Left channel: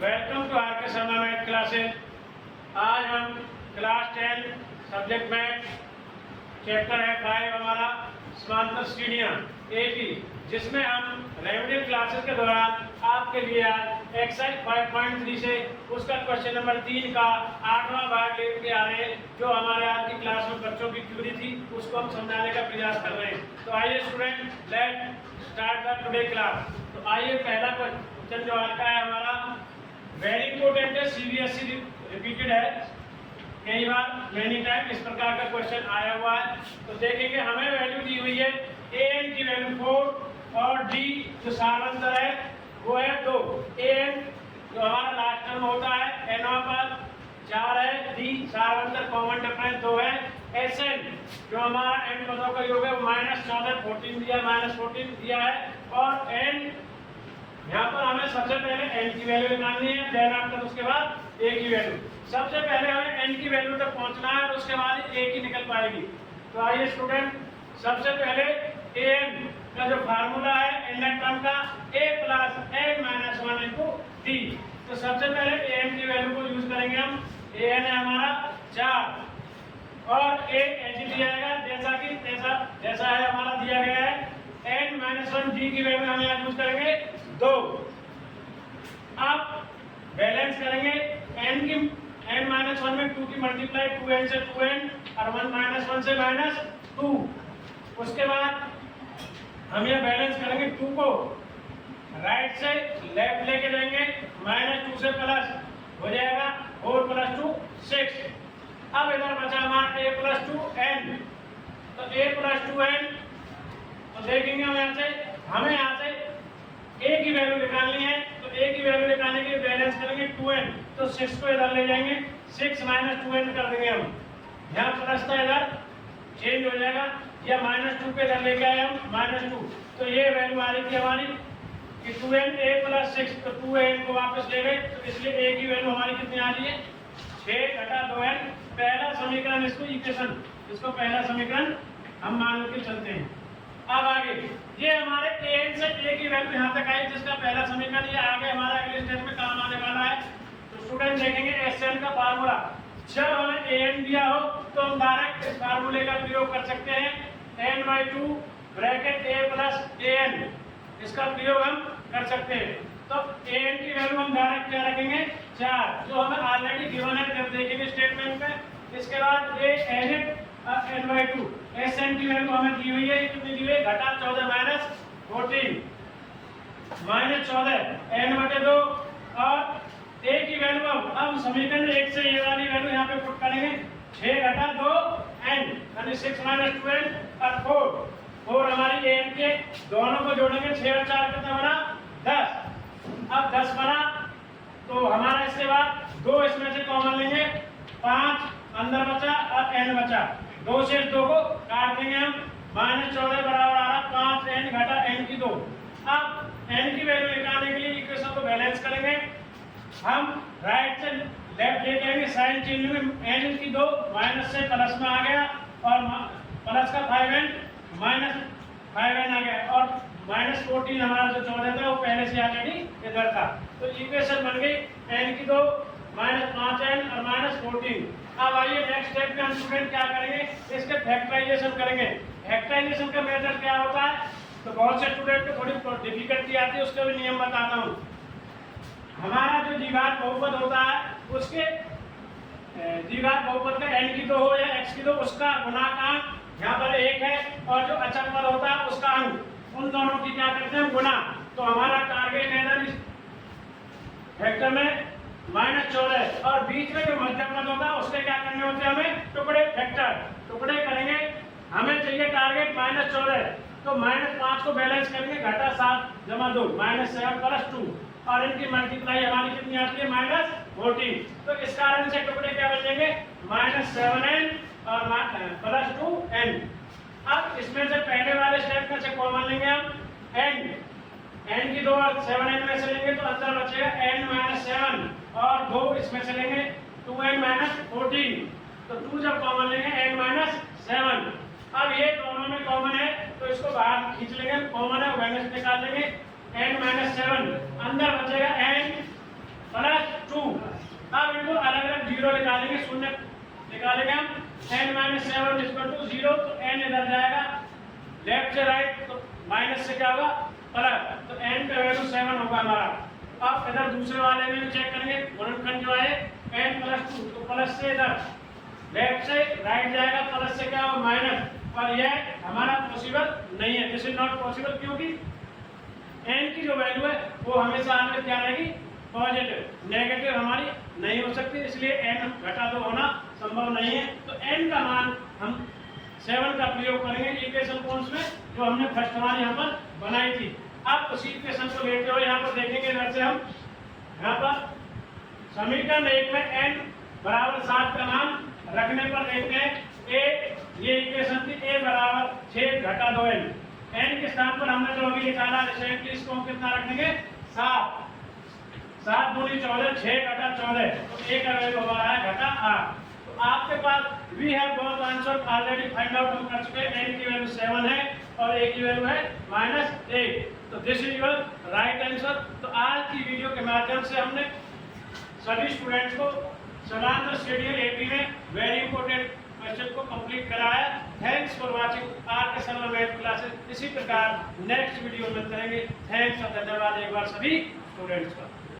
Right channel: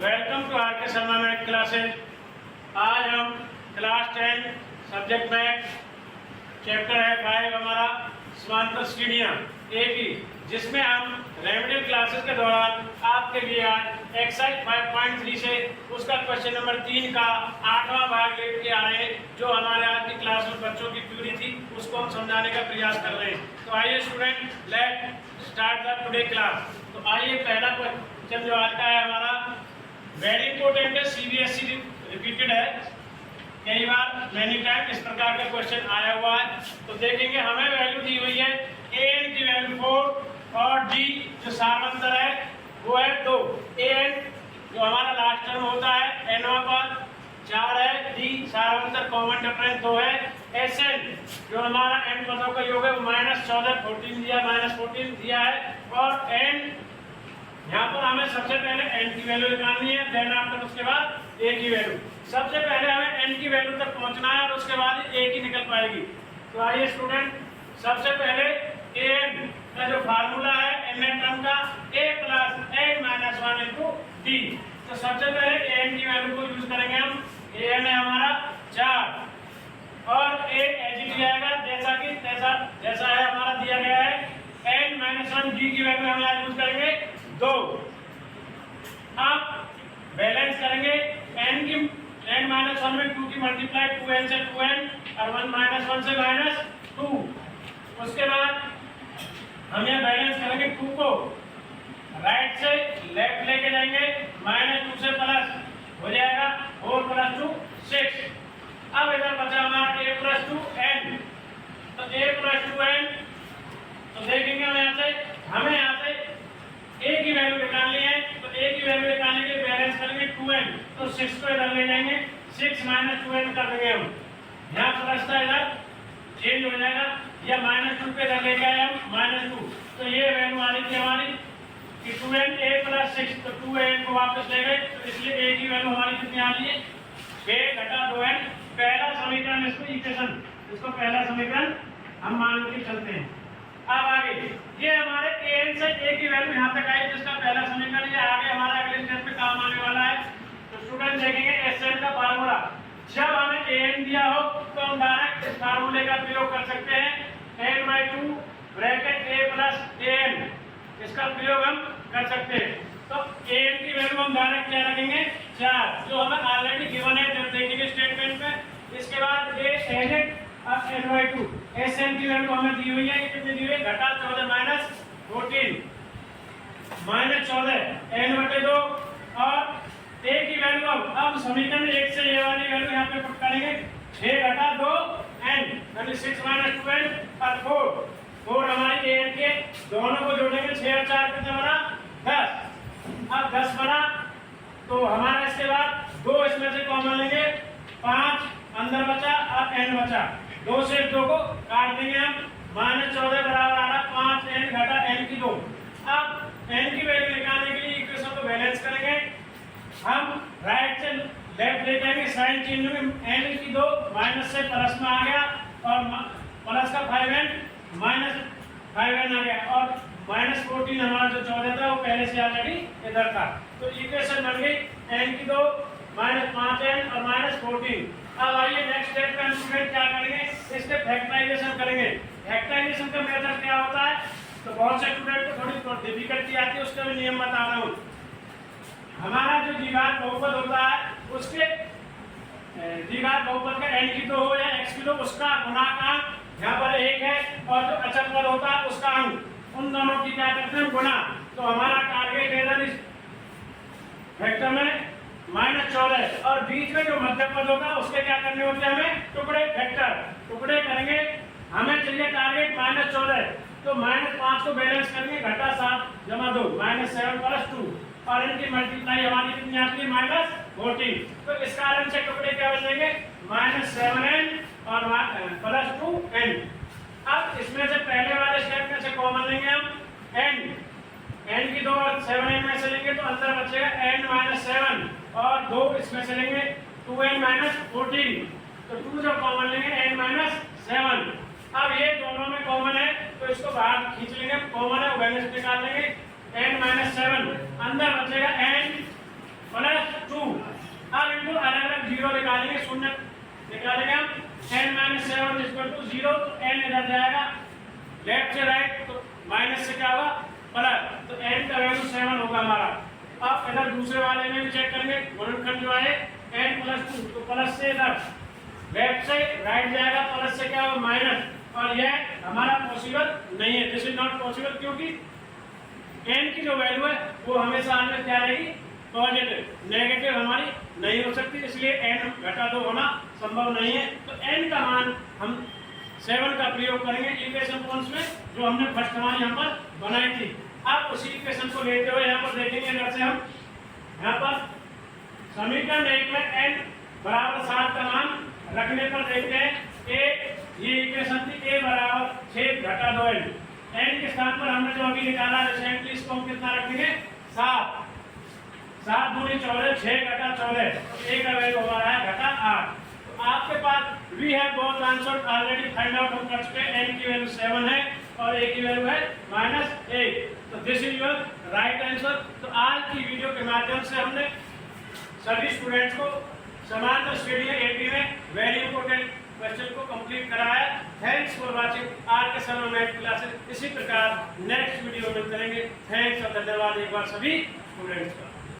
Welcome to are के Sharma math classes. आज हम क्लास 10 सब्जेक्ट मैथ चैप्टर है 5 हमारा समांतर श्रेणियां ए की, जिसमें हम रेमेडियल क्लासेस के दौरान आपके लिए आज एक्सरसाइज 5.3 से उसका क्वेश्चन नंबर 3 का 8वां भाग लेके आ रहे हैं, जो हमारे आज की क्लास में बच्चों की क्वेरी थी उसको हम समझाने का प्रयास कर रहे हैं। तो आइए student, let start the today class. तो आइए पहला क्वेश्चन जो आज का है हमारा वेरी इंपॉर्टेंट है, सीबीएसई रिपीटेड है कई बार, मैनी टाइम इस प्रकार का क्वेश्चन आया हुआ है। तो देखेंगे हमें वैल्यू दी हुई है an की वैल्यू 4 और d जो सामांतर है वो है 2। an जो हमारा लास्ट टर्म होता है nवां पद 4 है, d सामांतर कॉमन डिफरेंस 2 है, sn जो हमारा n पदों का योग है वो -14 14 दिया, -14 दिया है, और n यहाँ पर हमें सबसे पहले n की वैल्यू निकालनी है, देन आफ्टर उसके बाद a की वैल्यू। सबसे पहले हमें n की वैल्यू तक पहुंचना है और उसके बाद a की निकल पाएगी। तो आइए स्टूडेंट, सबसे पहले an का जो फार्मूला है n टर्म का a + n - 1 × d। तो सबसे पहले an की वैल्यू को यूज करेंगे हम। an है हमारा 4 और a एच आएगा जैसा है हमारा दिया गया है। n - 1 d की वैल्यू हम यहाँ यूज करेंगे 2। अब बैलेंस करेंगे n की n-1 में 2 की मल्टीप्लाई 2n से 2n और 1 - 1 से -2। उसके बाद हम ये बैलेंस करेंगे 2 को राइट से लेफ्ट लेके जाएंगे, -2 से प्लस हो जाएगा 4 + 2 6। अब इधर बचा हमारा a + 2n। तो a + 2n तो देखेंगे हमें यहाँ से a की वैल्यू निकालनी है। तो a की वैल्यू निकालने के लिए बैलेंस करेंगे 2n, तो 6 को इधर ले जाएंगे, 6 - 2n कर देंगे हम। यहाँ प्लस था इधर चेंज हो जाएगा, या -2 पे इधर लेके आए हम -2। तो ये वैल्यू आ रही थी हमारी कि 2n a + 6, तो 2n को वापस ले गए, तो इसलिए a की वैल्यू हमारी कितनी आ रही है 6 - 2n। पहला समीकरण इसको पहला समीकरण हम मान के चलते हैं। अब आगे ये हमारे an से a की वैल्यू यहाँ तक आई, जिसका पहला समीकरण ये आगे हमारे अगले स्टेप पे काम आने वाला है। तो स्टूडेंट देखेंगे sn का फार्मूला, जब हमें an दिया हो तो हम डायरेक्ट इस फार्मूले का प्रयोग कर सकते हैं, n/2 ब्रैकेट a + an, इसका प्रयोग हम कर सकते हैं। तो an की वैल्यू हम डायरेक्ट क्या रखेंगे 4, जो हमें ऑलरेडी गिवन है, जब देखेंगे स्टेटमेंट में। इसके बाद a n और n/2 sn की वैल्यू हमें दी हुई है, कितनी दी हुई है घटा 14 - 14 -14 n/2 और a की वैल्यू अब समीकरण 1 से ये वाली वैल्यू यहाँ पे पुट करेंगे, 6 - 2 n यानी 6 - 12 और 4 हमारी an के दोनों को जोड़ेंगे, 6 और 4 कितना बना 10। अब 10 बना तो हमारा इसके बाद 2 इसमें से कॉमन लेंगे, 5 अंदर बचा और n बचा, 2 से 2 को काट देंगे हम, -14 बराबर आ रहा 5n घटा n की 2। अब n की वैल्यू निकालने के लिए इक्वेशन को बैलेंस करेंगे हम, राइट से लेफ्ट ले जाएंगे, साइन चेंज होंगे, n की 2 माइनस से प्लस में आ गया और प्लस का 5n -5n आ गया, और -14 हमारा जो 14 था वो पहले से ऑलरेडी इधर था। तो इक्वेशन बन गई n की 2 -5n और -14। अब आइए नेक्स्ट स्टेप पे हम स्टूडेंट क्या करेंगे, इसके फैक्टराइजेशन करेंगे। फैक्टराइजेशन का मेथड क्या होता है, तो बहुत से स्टूडेंट को थोड़ी डिफिकल्टी आती है, उसका भी नियम बता रहा हूँ। हमारा जो द्विघात बहुपद होता है उसके द्विघात बहुपद का n की 2 हो या x की 2, उसका गुणांक यहाँ पर 1 है, और जो अचर पद होता है उसका अंक, उन दोनों की क्या करते हैं गुणा। तो हमारा टारगेट है इस फैक्टर में -14, और बीच में जो मध्य पद होगा उसके क्या करने होते हैं हमें टुकड़े, फैक्टर टुकड़े करेंगे। हमें चाहिए टारगेट -14, तो -5 को बैलेंस करेंगे, घटा 7 जमा 2 -7 + 2, और इनकी मल्टीप्लाई हमारी कितनी आती है -14। तो इस कारण से टुकड़े क्या बचेंगे -7n और +2n। अब इसमें से पहले वाले स्टेप में से कॉमन लेंगे हम n की 2 और 7n में से लेंगे, तो अंदर बचेगा n - 7 और 2 इसमें से लेंगे 2n - 14। तो 2 जब कॉमन लेंगे n - 7। अब ये दोनों में कॉमन है तो इसको बाहर खींच लेंगे, कॉमन है बैलेंस निकाल लेंगे, n - 7 अंदर बचेगा n +2। अब इनको अलग अलग जीरो निकालेंगे, शून्य निकालेंगे हम। n-7 = 0, तो n इधर जाएगा लेफ्ट से राइट, तो माइनस से क्या होगा प्लस, तो n का वैल्यू 7 होगा हमारा। अब इधर दूसरे वाले में भी चेक करेंगे, गुणनखंड जो है n+2, तो प्लस से इधर लेफ्ट से राइट जाएगा, प्लस से क्या होगा माइनस, और यह हमारा पॉसिबल नहीं है, दिस इज नॉट पॉसिबल, क्योंकि n की जो वैल्यू है वो हमेशा हमें क्या रहेगी पॉजिटिव, नेगेटिव हमारी नहीं हो सकती, इसलिए n घटा 2 होना संभव नहीं है। तो n का मान हम 7 का प्रयोग करेंगे इक्वेशन कौन में जो हमने फर्स्ट मान यहाँ पर बनाई थी। अब उसी इक्वेशन को लेते हुए यहाँ पर देखेंगे, इधर से हम यहाँ पर समीकरण 1 में n बराबर 7 का मान रखने पर देखते हैं a, ये इक्वेशन थी a बराबर 6 घटा 2n, n के स्थान पर हमने जो अभी निकाला रिसेंटली, इसको हम कितना रखेंगे 7, 7 दूनी 14, 6 घटा 14, तो a का वैल्यू हमारा है घटा 8। तो आपके पास we have both answer already find out, हम कर चुके हैं, n की वैल्यू 7 है और a की वैल्यू है -8, तो this is your right answer. तो आज की वीडियो के माध्यम से हमने सभी स्टूडेंट्स को समांतर श्रेणी एपी में वेरी इंपॉर्टेंट क्वेश्चन को कंप्लीट कराया। थैंक्स फॉर वाचिंग आर के शर्मा मैथ क्लासेस। इसी प्रकार नेक्स्ट वीडियो में करेंगे। थैंक्स और धन्यवाद एक बार सभी स्टूडेंट्स का।